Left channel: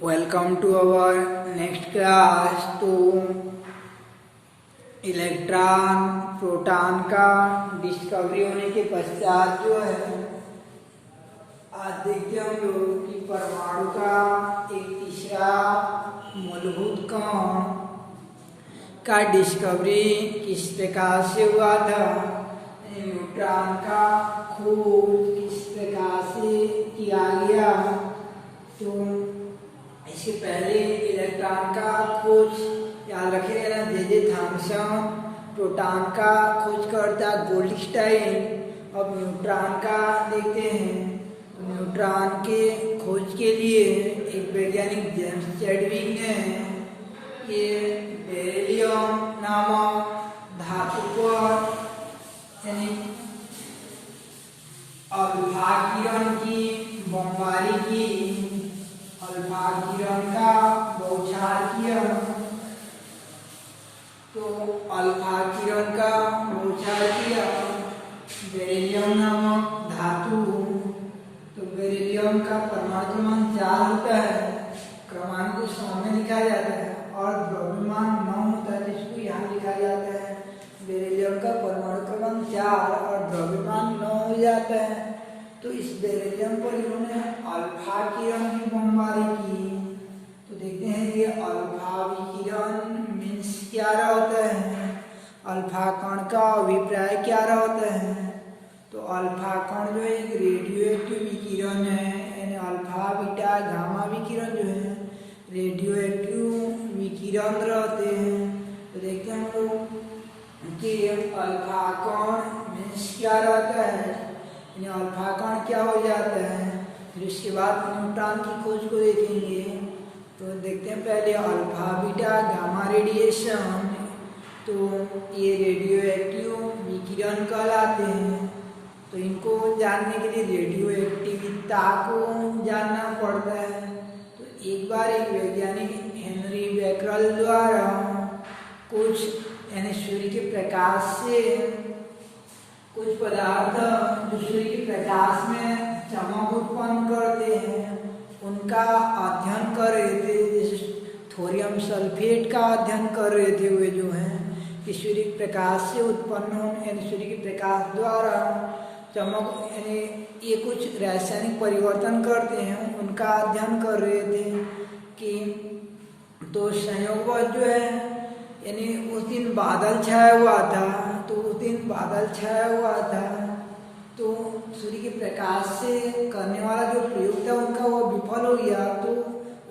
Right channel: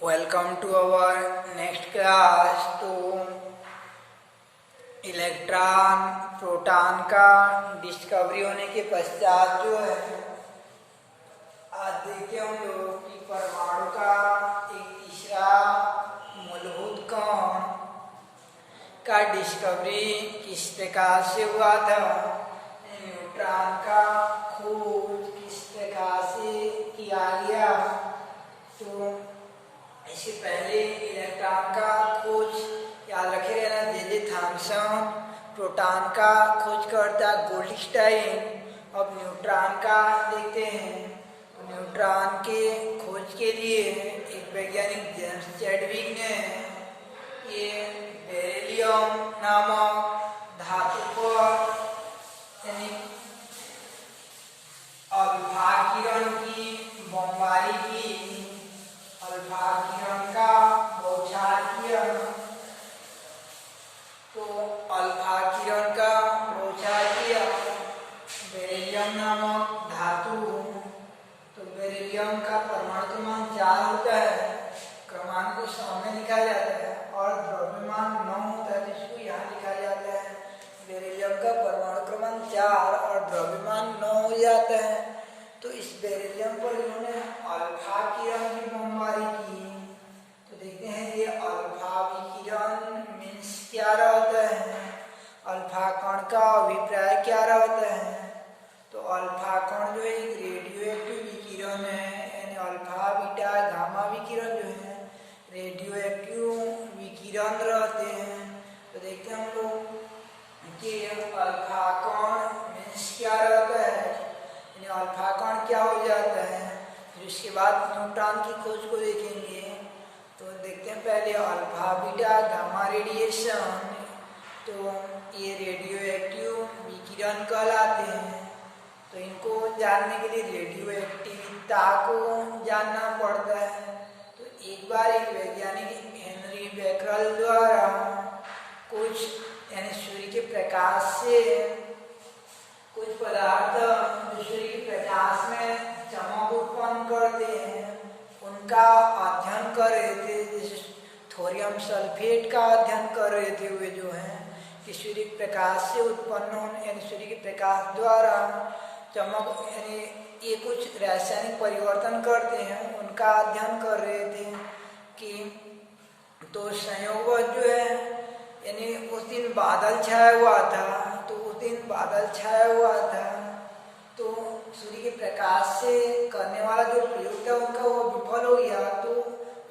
Welcome to our next class to electron proton का discovery होने के पश्चात जो है आज देखते हम लोग कि परमाणु का एक तीसरा मूलभूत कण का डिस्कवरी किस प्रकार से हुआ था। न्यूट्रॉन का खोज किस प्रकार से किया गया। तो इससे पहले इलेक्ट्रॉन का खोज याद रखे रहना जे थॉमसन, प्रोटॉन का खोज करता गोल्डस्टाइन। अब न्यूट्रॉन का देखते हैं। न्यूट्रॉन के खोज के लिए एक वैज्ञानिक जेम्स चैडविक ने ये बेरिलियम नामक धातु पर यानी अल्फा किरण की बमबारी की, अल्फा किरण का बौछार किया। तो अल्फा किरण का बौछार किया बेरिलियम नामक धातु। तो बेरिलियम का परमाणु क्रमांक 4 होता है, क्रमांक को सामने लिखा जाता है, और द्रव्यमान 9 होता है, तो इसको यहाँ लिखा जाता है। बेरिलियम का परमाणु क्रमांक 4 और द्रव्यमान 9 हो जाता है। तो इस बेरिलियम पर इन्होंने अल्फा किरण की बमबारी की। तो देखते हैं ये अल्फा विकिरण मीन्स क्या रहता है, अल्फा कण का अभिप्राय क्या रहता है। तो अल्फा कण जो है एक रेडियो एक्टिव विकिरण है, यानी अल्फा बीटा गामा विकिरण जो है रेडियो एक्टिव विकिरण रहते हैं। तो देखते हैं हम लोग कि अल्फा कण मीन्स क्या रहता है, यानी अल्फा कण क्या हो जाता है। फिर उसके बाद न्यूट्रॉन की खोज को देखेंगे। तो देखते हैं पहले अल्फा बीटा गामा रेडिएशन। तो ये रेडियो एक्टिव विकिरण कहलाते हैं। तो इनको जानने के लिए रेडियो एक्टिविता को जानना पड़ता है। तो एक बार एक वैज्ञानिक हेनरी बेकरल द्वारा कुछ यानी सूर्य के प्रकाश से कुछ पदार्थ जो सूर्य के प्रकाश में चमक उत्पन्न करते हैं उनका अध्ययन कर रहे थे। जैसे थोरियम सल्फेट का अध्ययन कर रहे थे वे जो हैं कि सूर्य के प्रकाश से उत्पन्न होने यानी सूर्य के प्रकाश द्वारा चमक यानी ये कुछ रासायनिक परिवर्तन करते हैं, उनका अध्ययन कर रहे थे कि तो संयोगवश जो है यानी उस दिन बादल छाया हुआ था। तो उस दिन बादल छाया हुआ था तो सूर्य के प्रकाश से करने वाला जो प्रयोग था उनका वो विफल हो गया। तो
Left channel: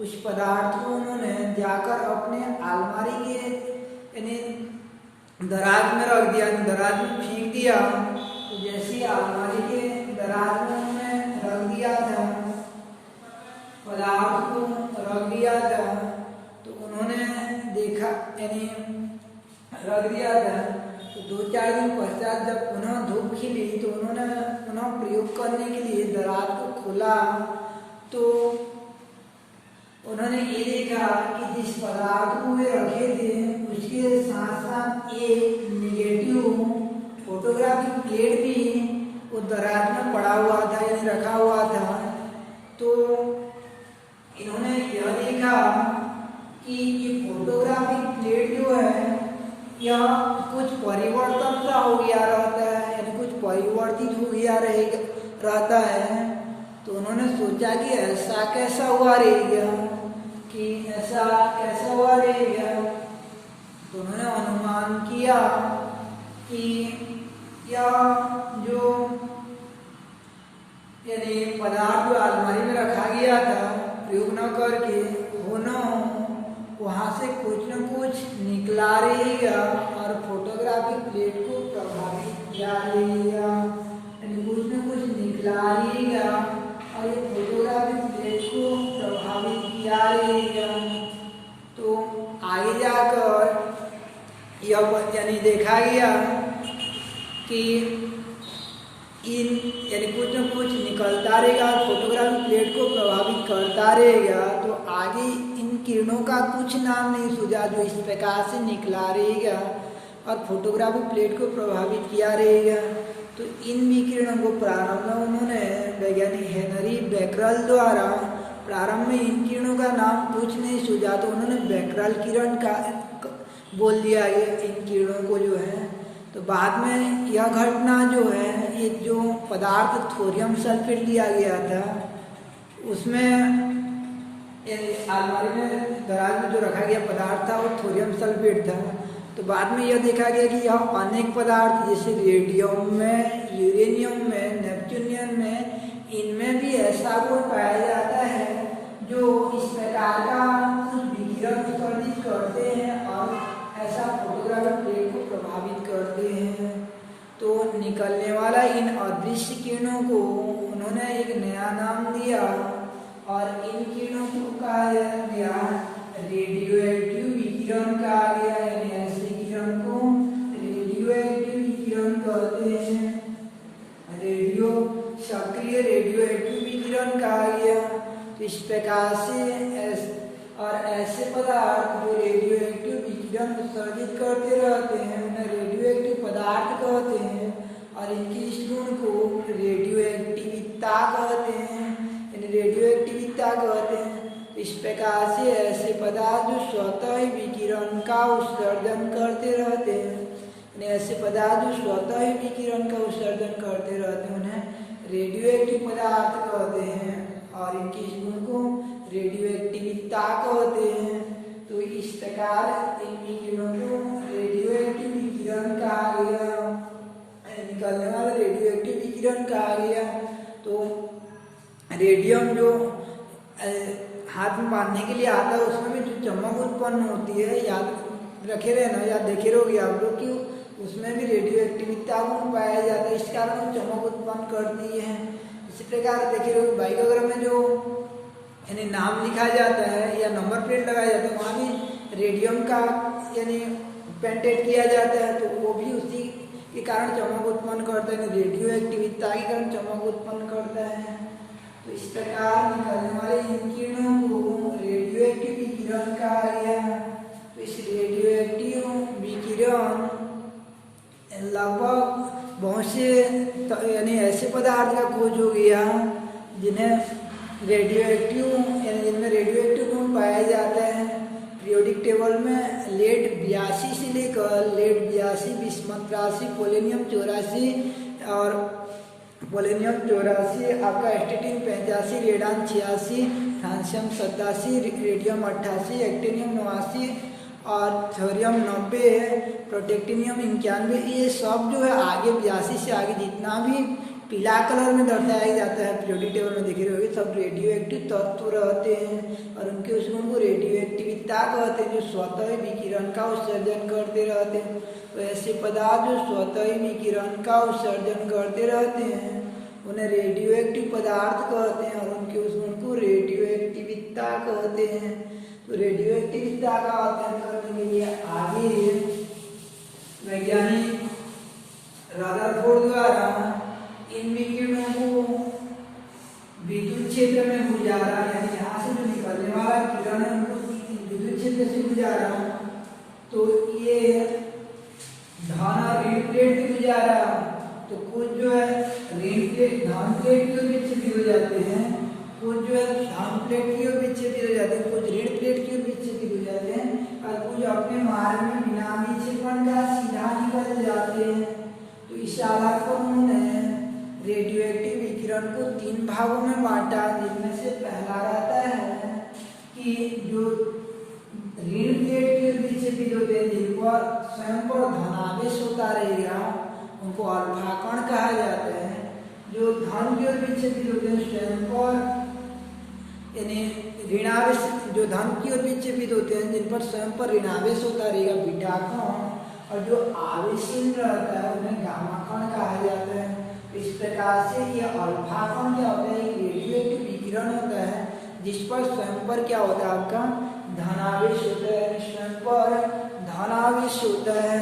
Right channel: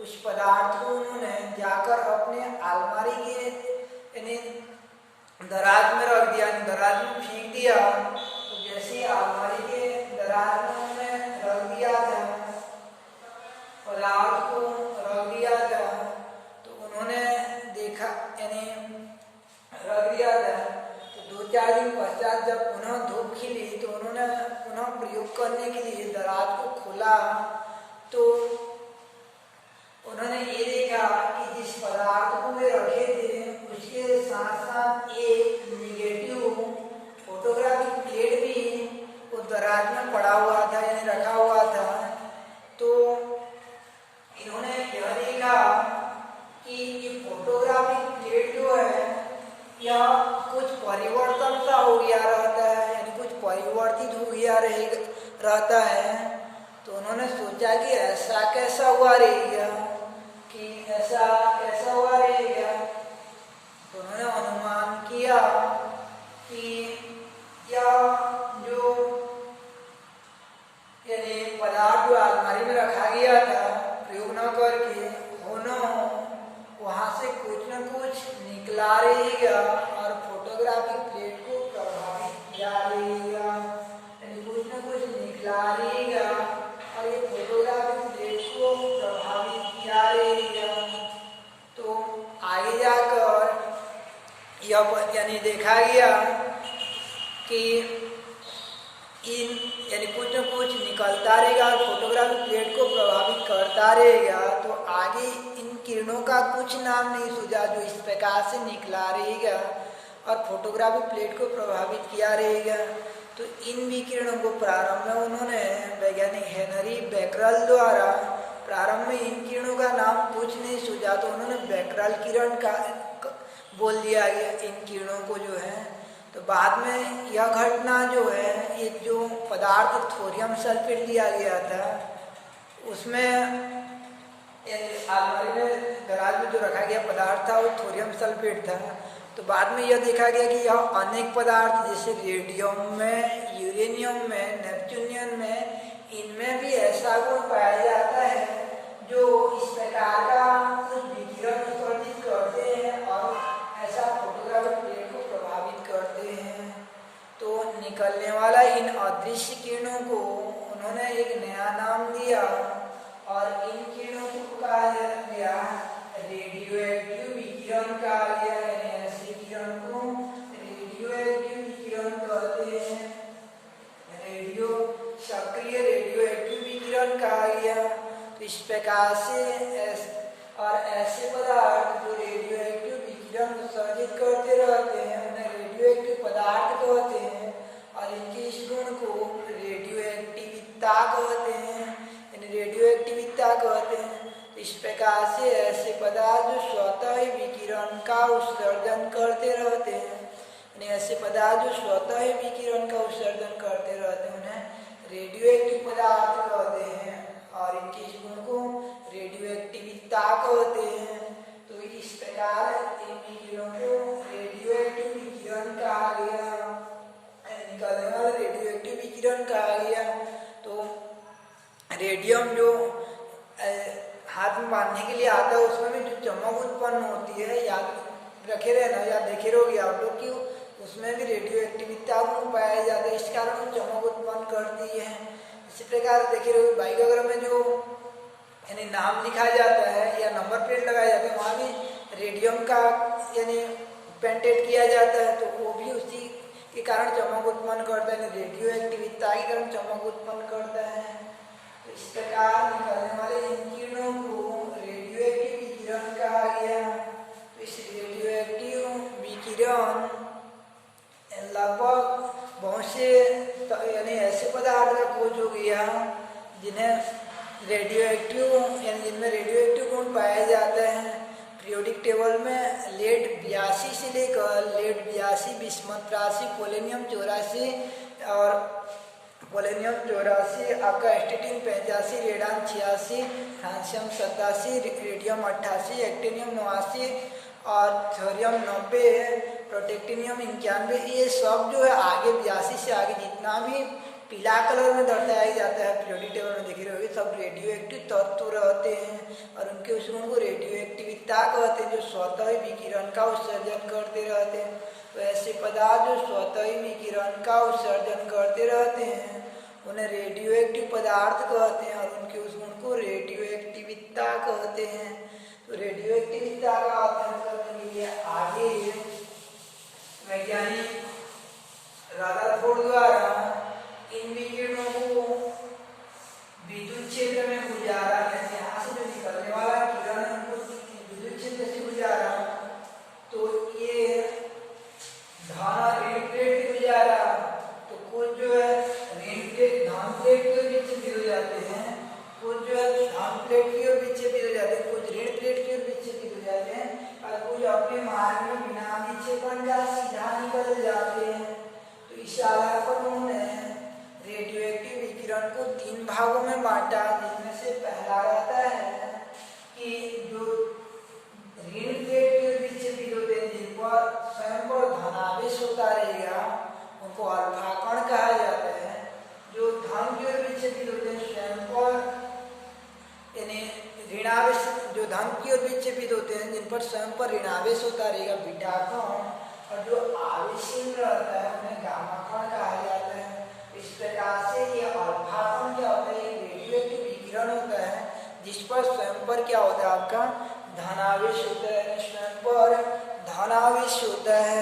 उस पदार्थ को उन्होंने जाकर अपने अलमारी के यानी दराज में रख दिया, यानी दराज में फेंक दिया। तो जैसे अलमारी के दराज में उन्होंने रख दिया था, पदार्थ को रख दिया था, तो उन्होंने देखा यानी रख दिया था। तो 2-4 दिन पश्चात जब पुनः धूप खिली तो उन्होंने पुनः प्रयोग करने के लिए दराज को खोला। तो उन्होंने ये देखा कि जिस पदार्थ को वे रखे थे उसके साथ साथ एक निगेटिव फोटोग्राफिक प्लेट भी वो दराज में पड़ा हुआ था यानी रखा हुआ था। तो इन्होंने यह देखा कि ये फोटोग्राफिक प्लेट जो है यह कुछ परिवर्तन सा हो गया रहता है, यानी कुछ परिवर्तित हो गया रहता है। तो उन्होंने सोचा कि ऐसा कैसा हुआ रहेगा, कि ऐसा कैसा हुआ रहेगा। तो उन्होंने अनुमान किया कि यह जो यानी पदार्थ जो अलमारी में रखा गया था प्रयोग न करके हो न हो वहाँ से कुछ न कुछ निकला रहेगा और फोटोग्राफी प्लेट को प्रभावित किया रहेगा, यानी कुछ न कुछ निकला रहेगा और ये फोटोग्राफी प्लेट को प्रभावित किया रहेगा। तो आगे जाकर यह यानी देखा गया कि इन यानी कुछ न कुछ निकलता रहेगा और फोटोग्राफी प्लेट को प्रभावित करता रहेगा। तो आगे इन किरणों का कुछ नाम नहीं सूझा जो इस प्रकार से निकला रहेगा और फोटोग्राफी प्लेट को प्रभावित किया रहेगा। तो इन विकिरणों को प्रारंभ में उन्होंने वैज्ञानिक हेनरी बेकरल द्वारा प्रारंभ में इन किरणों का नाम कुछ नहीं सूझा, तो उन्होंने बैकराल किरण का बोल दिया इन किरणों को जो है। तो बाद में यह घटना जो है, ये जो पदार्थ थोरियम सल्फेट लिया गया था, उसमें अलमारी में दराज में जो रखा गया पदार्थ था वो थोरियम सल्फेट था। तो बाद में यह देखा गया कि यह अनेक पदार्थ जैसे रेडियम में, यूरेनियम में, नेपच्यूनियम में, इनमें भी ऐसा गुण पाया जाता है जो इस प्रकार का कुछ विकिरण उत्सर्जित करते हैं और ऐसा फोटोग्राफिक प्लेट को प्रभावित करते हैं। तो निकलने वाला इन अदृश्य किरणों को उन्होंने एक नया नाम दिया और इन किरणों को कहा गया रेडियो एक्टिव विकिरण कहा गया, यानी ऐसे किरण को रेडियो एक्टिव विकिरण कहते हैं। रेडियो सक्रिय रेडियो एक्टिव विकिरण कहा गया। तो इस प्रकार से और ऐसे पदार्थ जो रेडियो एक्टिव विकिरण उत्सर्जित करते रहते हैं उन्हें रेडियो एक्टिव पदार्थ कहते हैं और इनकी इस गुण को रेडियो एक्टिविता कहते हैं, यानी रेडियो एक्टिविता कहते हैं। तो इस प्रकार से ऐसे पदार्थ जो स्वतः ही विकिरण का उत्सर्जन करते रहते हैं, यानी ऐसे पदार्थ जो स्वतः ही विकिरण का उत्सर्जन करते रहते हैं उन्हें रेडियो एक्टिव पदार्थ कहते हैं और इनकी इस गुण को रेडियो एक्टिविता कहते हैं। तो इस प्रकार इन विकिरणों को रेडियो एक्टिव विकिरण कहा गया, निकलने वाला रेडियो एक्टिव विकिरण कहा गया। तो रेडियम जो हाथ में बांधने के लिए आता है उसमें भी जो चमक उत्पन्न होती है, याद रखे रहना, या देखे रहोगे आप लोग कि उसमें भी रेडियो एक्टिविता गुण पाया जाता है, इस कारण वो चमक उत्पन्न करती है। इसी प्रकार देखे रहोगे बाइक वगैरह में जो यानी नाम लिखा जाता है या नंबर प्लेट लगाया जाता है वहाँ भी रेडियम का यानी पेंटेड किया जाता है, तो वो भी उसी के कारण चमक उत्पन्न करता है, रेडियो एक्टिविता के कारण चमक उत्पन्न करता है। तो इस प्रकार निकलने वाले इन किरणों को रेडियो एक्टिव विकिरण कहा गया। तो इस रेडियो एक्टिव विकिरण लगभग बहुत से यानी ऐसे पदार्थ का खोज हो गया जिन्हें रेडियो एक्टिव यानी जिनमें रेडियो एक्टिव गुण पाया जाता है। पीरियोडिक टेबल में लेड 82 से लेकर लेड 82, बिस्मथ 83, पोलेनियम 84 और पोलेनियम 84, आपका एस्टेटिन 85, रेडान 86, फ्रांसियम 87, रेडियम 88, एक्टिनियम 89 और थोरियम 90, प्रोटेक्टिनियम 91। ये सब जो है आगे 82 से आगे जितना भी पीला कलर में दर्शाया जाता है पीरियोडिक टेबल में देखे रहोगे सब रेडियो एक्टिव तत्व रहते हैं और उनके उस गुण को रेडियो एक्टिविता कहते हैं जो स्वतः ही विकिरण का उत्सर्जन करते रहते हैं। तो ऐसे पदार्थ जो स्वतः ही विकिरण का उत्सर्जन करते रहते हैं उन्हें रेडियो एक्टिव पदार्थ कहते हैं और उनके उस गुण को रेडियो एक्टिविता कहते हैं। तो रेडियो एक्टिविता का अध्ययन करने के लिए आगे वैज्ञानिक रदरफोर्ड द्वारा इन विकिरणों को विद्युत क्षेत्र में गुजारा, यानी यहाँ से जो निकलने वाला किरण है उनको विद्युत क्षेत्र से गुजारा। तो ये धन और ऋण प्लेट भी गुजारा, तो कुछ जो है ऋण प्लेट धन प्लेट की ओर विक्षेपित हो जाते हैं, कुछ जो है धन प्लेट की ओर विक्षेपित हो जाते हैं, कुछ ऋण प्लेट की ओर विक्षेपित हो जाते हैं और कुछ अपने मार्ग में बिना विक्षेपण का सीधा निकल जाते हैं। तो इस आधार पर उन्होंने रेडियो एक्टिव विकिरण को 3 भागों में बांटा, जिनमें से पहला रहता है कि जो ऋण प्लेट की ओर विक्षेपित होते हैं जिन पर स्वयं पर धनावेश होता रहेगा उनको अल्फा कण कहा जाता है। जो धन की ओर विक्षेपित होते हैं स्वयं पर यानी ऋणावेश, जो धन की ओर विक्षेपित होते हैं जिन पर स्वयं पर ऋणावेश होता रहेगा बीटा कण, और जो आवेशहीन रहता है उन्हें गामा कण कहा जाता है। इस प्रकार से ये अल्फा कण क्या होता है, रेडियो एक्टिव विकिरण होता है जिस पर स्वयं पर क्या होता है आपका धनावेश होता है, स्वयं पर धनावेश होता है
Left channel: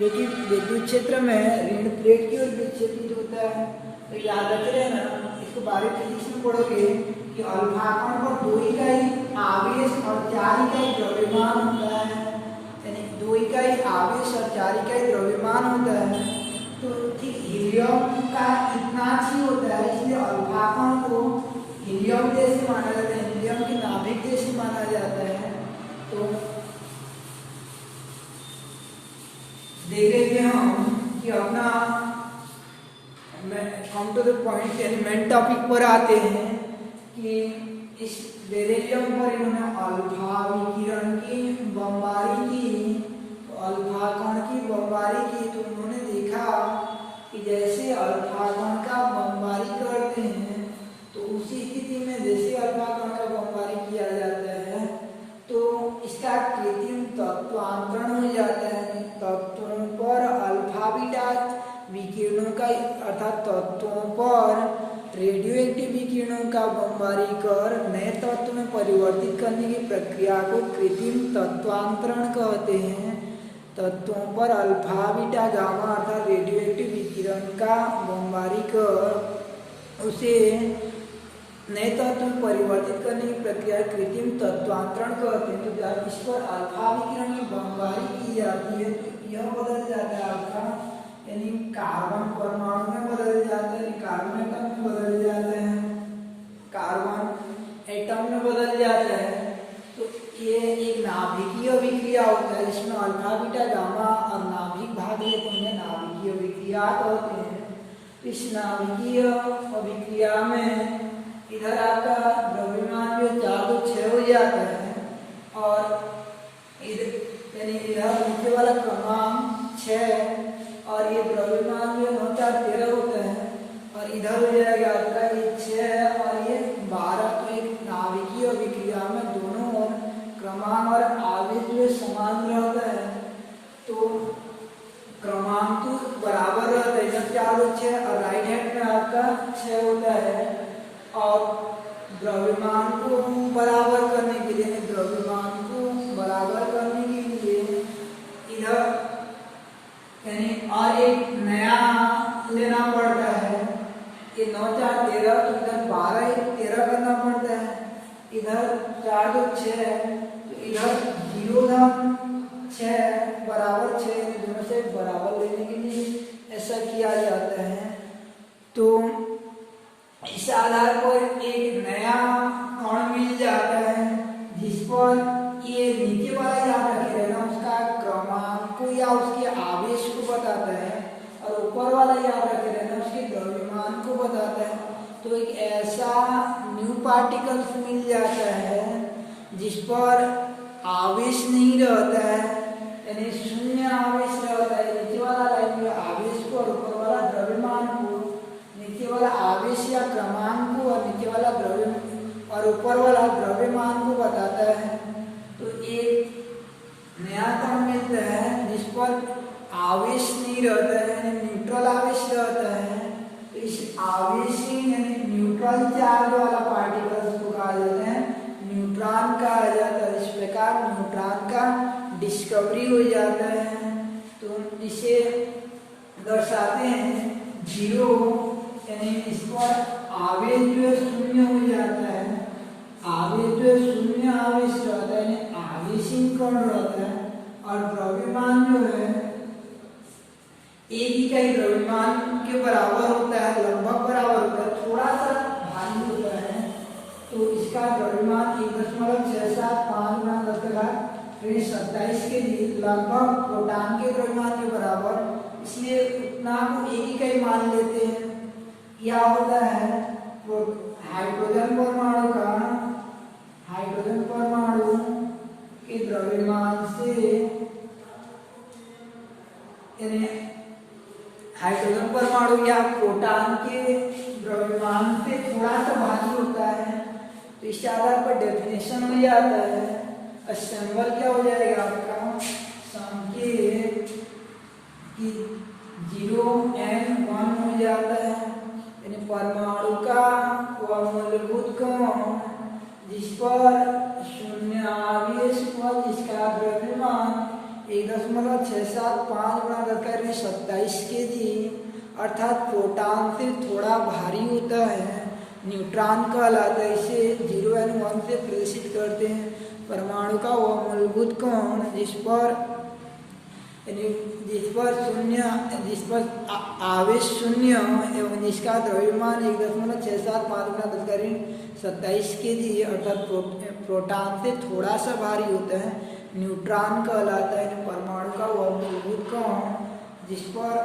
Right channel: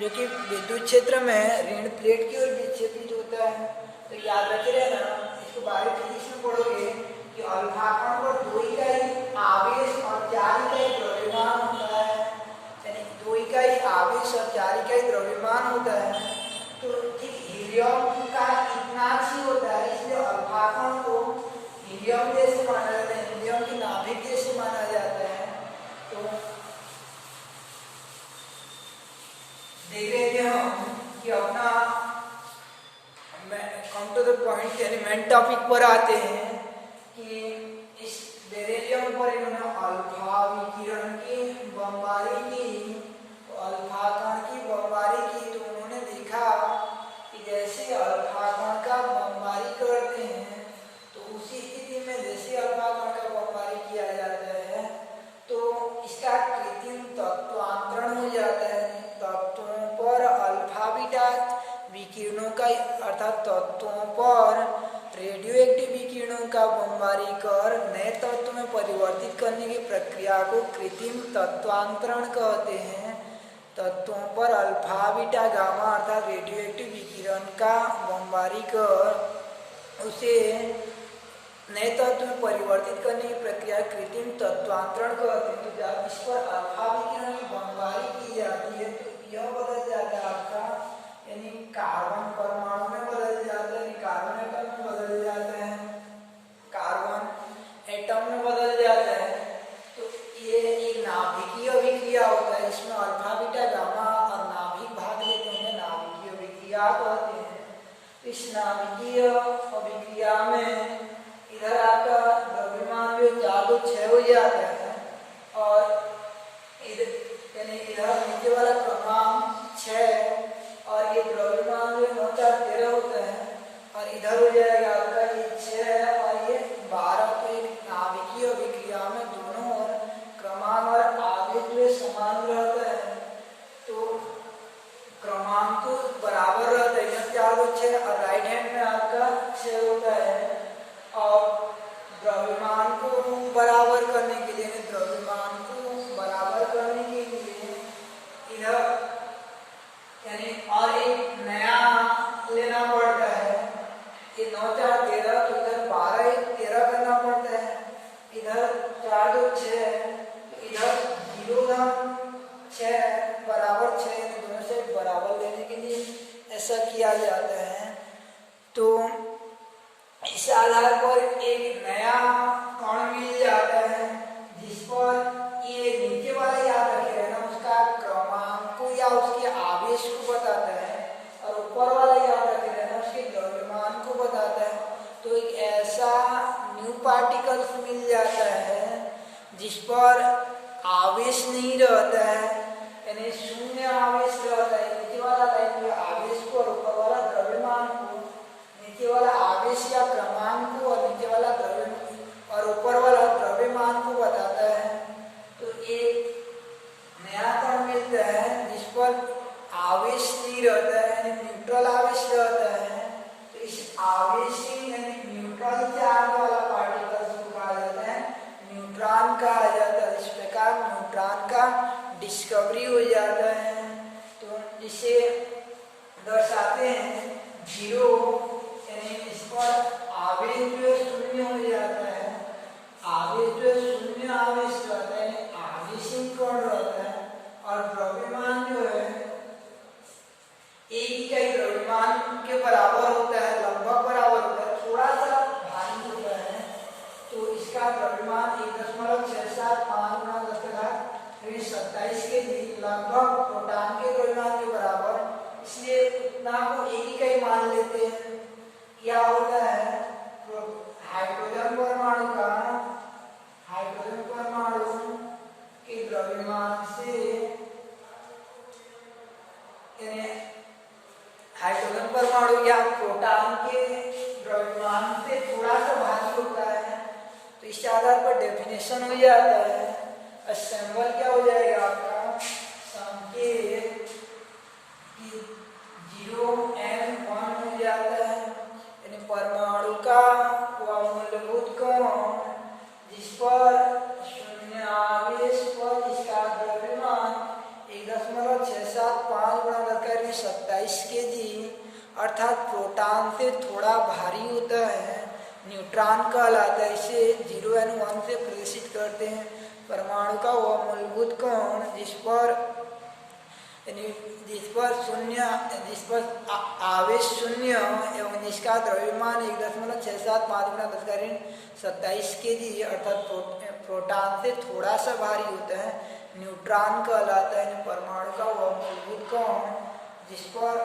जो कि विद्युत क्षेत्र में ऋण प्लेट की ओर विक्षेपित होता है। तो याद रखे रहना, इसको बारीक फिजिक्स में पढ़ोगे कि अल्फा कण पर 2 इकाई आवेश और 4 इकाई द्रव्यमान होता है, यानी 2 इकाई आवेश और 4 इकाई द्रव्यमान होता है। तो ठीक हीलियम का इतना ही होता है, इसलिए अल्फा कण को हीलियम जैसे माना जाता है, नाभिक जैसे माना जाता है। तो देख रहे थे हम कि अपना कम टू द पॉइंट यानी मेन टॉपिक पर आते हैं कि इस बेरिलियम पर इन्होंने अल्फा विकिरण की बमबारी की, तो अल्फा कण की बमबारी की। तो उन्होंने देखा कि जैसे अल्फा कण का बमबारी करते हैं तो उसी स्थिति में जैसे अल्फा कण का बमबारी किया जाता है तो इसका कृत्रिम तत्वांतरण हो जाता है। तत्वों पर अल्फा बीटा विकिरणों का अर्थात तत्वों पर रेडियो एक्टिव विकिरणों का बमबारी कर नए तत्व में परिवर्तित करने की प्रक्रिया को कृत्रिम तत्वांतरण कहते हैं। तत्वों पर अल्फा बीटा गामा अर्थात रेडियो एक्टिव विकिरण का बमबारी कर उसे नए तत्व में परिवर्तित करने की प्रक्रिया कृत्रिम तत्वांतरण कहते हैं। तो जब इस पर अल्फा विकिरण की बमबारी की जाती है तो यह बदल जाता है अल्फा यानी कार्बन परमाणु में बदल जाता है, कार्बन एटम में बदल जाता है, कार्बन एटम में बदल जाता है। तो ये एक नाभिकीय अभिक्रिया होता है जिसमें अल्फा बीटा गामा और नाभिक भाग लेते हैं, नाभिकीय अभिक्रिया कहते हैं। इस नाभिकीय अभिक्रिया में इधर आपका द्रव्यमान जो 426 हो जाता है और इधर यानी इधर नीचे वाला क्रमांक 6 और ये द्रव्यमान जो 9 4 13 होता है और इधर हो जाएगा आपका ये 6 और ये 12। तो एक नाभिकीय अभिक्रिया में दोनों ओर क्रमांक और आवेश जो समान रहता है तो क्रमांक तो बराबर रहता है, इधर 4 और 6 और राइट हैंड में आपका 6 होता है। और द्रव्यमान को बराबर करने के लिए द्रव्यमान को बराबर करने के लिए इधर यानी और एक नया लेना पड़ता है। ये 9 4 13 तो इधर 12 1 13 करना पड़ता है, इधर 4 2 6 तो इधर 0 बराबर 6 दोनों से बराबर लेने के लिए ऐसा किया जाता है। तो इस आधार पर एक नया कण मिल जाता है जिस पर ये नीचे वाला याद रखे रहना उसका क्रमांक को या उसके आवेश को बताता है और ऊपर वाला याद रखे रहना उसके द्रव्यमान को बताता है। तो एक ऐसा न्यू पार्टिकल्स मिल जाता है जिस पर आवेश नहीं रहता है यानी शून्य आवेश रहता है। नीचे वाला लाइन में आवेश को और ऊपर वाला द्रव्यमान को, नीचे वाला आवेश या क्रमांक को और नीचे वाला द्रव्यमान और ऊपर वाला द्रव्यमान को बताता है। तो एक नया कण मिलता है जिस पर आवेश नहीं रहता है, न्यूट्रल आवेश रहता है। तो इस आवेशी यानी न्यूट्रल चार्ज वाला पार्टिकल्स को कहा जाता है न्यूट्रॉन कहा जाता है। इस प्रकार न्यूट्रॉन का डिस्कवरी हो जाता है। तो इसे दर्शाते हैं 0 यानी इस पर आवेश जो है शून्य हो जाता है, आवेश जो है शून्य आवेश रहता है यानी आवेशी कण रहता है। और द्रव्यमान जो है एक इकाई द्रव्यमान के बराबर होता है, लगभग बराबर होता है, थोड़ा सा भारी होता है। तो इसका द्रव्यमान 1.675 × 10⁻27 के जी लगभग प्रोटॉन के द्रव्यमान के बराबर, इसलिए उतना को एक इकाई मान लेते हैं। क्या होता है हाइड्रोजन परमाणु के द्रव्यमान से यानी हाइड्रोजन परमाणु या प्रोटॉन के द्रव्यमान से थोड़ा सा भारी होता है। तो इस आधार पर डेफिनेशन हो जाता है। सिंबल क्या हो जाएगा आपका संकेत 0m1 हो जाता है यानी परमाणु का वह मूलभूत कण जिस पर शून्य आवेश पर जिसका द्रव्यमान 1.675 × 10⁻27 के जी अर्थात प्रोटॉन से थोड़ा भारी होता है, न्यूट्रॉन कहलाता है। इसे 0 यानी 1 से प्रेषित करते हैं। परमाणु का वह मूलभूत कण जिस पर यानी जिस पर आवेश शून्य एवं जिसका द्रव्यमान 1.67×10⁻27 kg अर्थात प्रोटॉन से थोड़ा सा भारी होता है, न्यूट्रॉन कहलाता है। परमाणु का वह मूलभूत कण जिस पर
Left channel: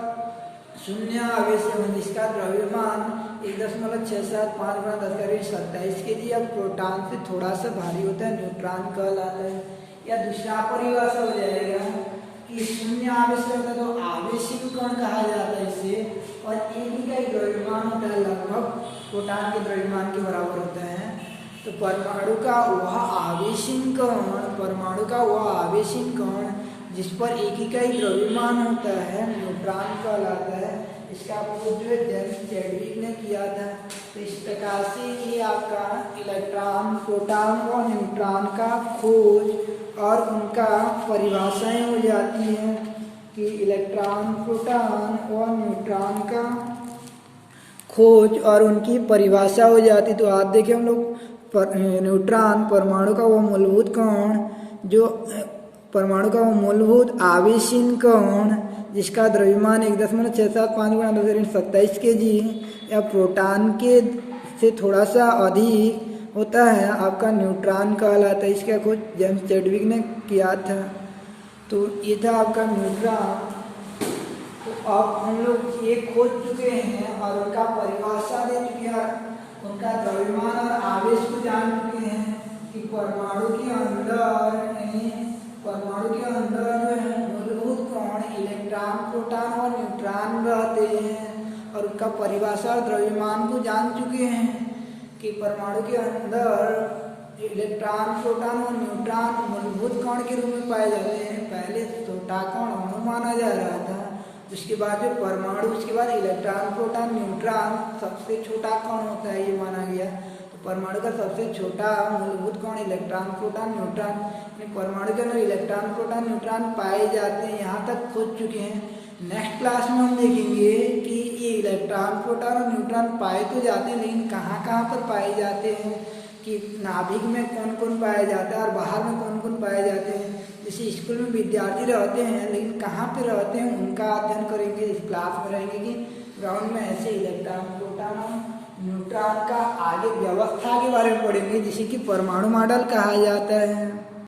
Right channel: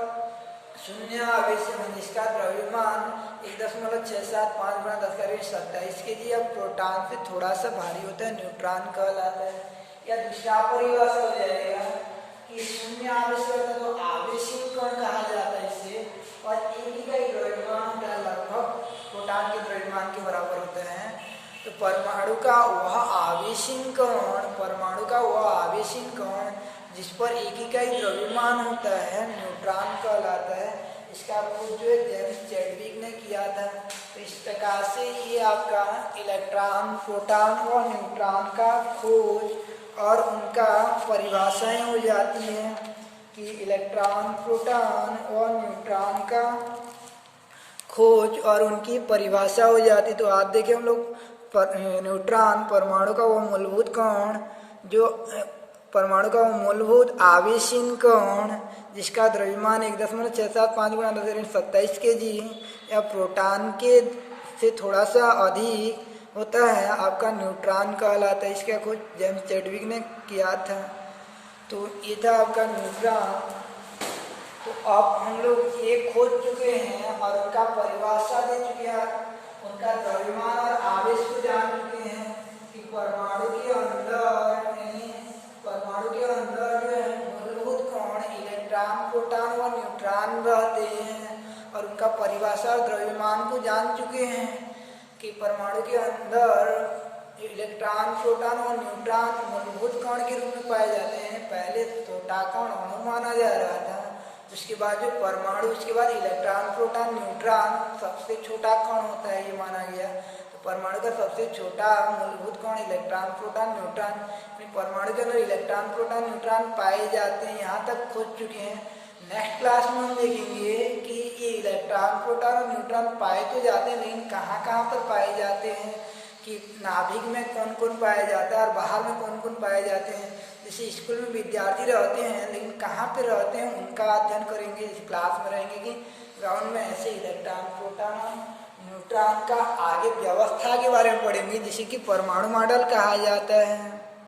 शून्य आवेश एवं जिसका द्रव्यमान 1.67×10⁻27 kg या प्रोटॉन से थोड़ा सा भारी होता है, न्यूट्रॉन कहलाता है। या दूसरा परिभाषा हो जाएगा कि शून्य आवेश होता है तो आवेशित कण कहा जाता है इसे, और एक ही का द्रव्यमान होता है लगभग प्रोटॉन के द्रव्यमान के बराबर होता है। तो परमाणु का वह आवेशित कण जिस पर एक ही का ही द्रव्यमान होता है न्यूट्रॉन कहलाता है। इसका खोज जो जेम्स चैडविक ने किया था। तो इस प्रकार से ये आपका इलेक्ट्रॉन, प्रोटॉन और न्यूट्रॉन का खोज और उनका परिभाषाएं हो जाती हैं कि इलेक्ट्रॉन, प्रोटॉन और न्यूट्रॉन का खोज और उनकी परिभाषा हो जाती। तो आप देखें हम लोग न्यूट्रॉन परमाणु का वो मूलभूत कण जो परमाणु का वो मूलभूत आवेशित कण जिसका द्रव्यमान 1.67×10⁻27 kg या प्रोटॉन के से थोड़ा सा अधिक होता है आपका न्यूट्रॉन कहलाता है। इसका खोज जेम्स चैडविक ने किया था। तो ये था आपका न्यूट्रॉन। तो अब हम लोग ये खोज चुके हैं और उनका परिभाषा दे चुके हैं, उनका द्रव्यमान और आवेश को जान चुके हैं कि परमाणु के अंदर जो है मूलभूत कण इलेक्ट्रॉन, प्रोटॉन और न्यूट्रॉन रहते हैं, और उनका परिभाषा और द्रव्यमान को जान चुके हैं कि परमाणु के अंदर इलेक्ट्रॉन, प्रोटॉन और न्यूट्रॉन मूलभूत कण के रूप में पाए जाते हैं। पहले छोटा कण अणु माना जा रहा था, उसके बाद जो परमाणु, उसके बाद इलेक्ट्रॉन, प्रोटॉन, न्यूट्रॉन सबसे छोटा कण होता है ये माना गया। तो परमाणु का सबसे छोटा मूलभूत कण इलेक्ट्रॉन, प्रोटॉन, न्यूट्रॉन, परमाणु के अंदर इलेक्ट्रॉन, प्रोटॉन, न्यूट्रॉन पाए जाते हैं। यहाँ तक खोज चुके हैं। नेक्स्ट क्लास में हम देखेंगे कि ये इलेक्ट्रॉन, प्रोटॉन और न्यूट्रॉन पाए तो जाते हैं, लेकिन कहाँ कहाँ पर पाए जाते हैं, कि नाभिक में कौन कौन पाया जाता है और बाहर में कौन कौन पाए जाते हैं। जैसे स्कूल में विद्यार्थी रहते हैं, लेकिन कहाँ पे रहते हैं उनका अध्ययन करेंगे। इस क्लास में रहेंगे कि ग्राउंड में ऐसे इलेक्ट्रॉन, प्रोटॉन, न्यूट्रॉन का आगे व्यवस्था के बारे में पढ़ेंगे, जिसे कि परमाणु मॉडल कहा जाता है।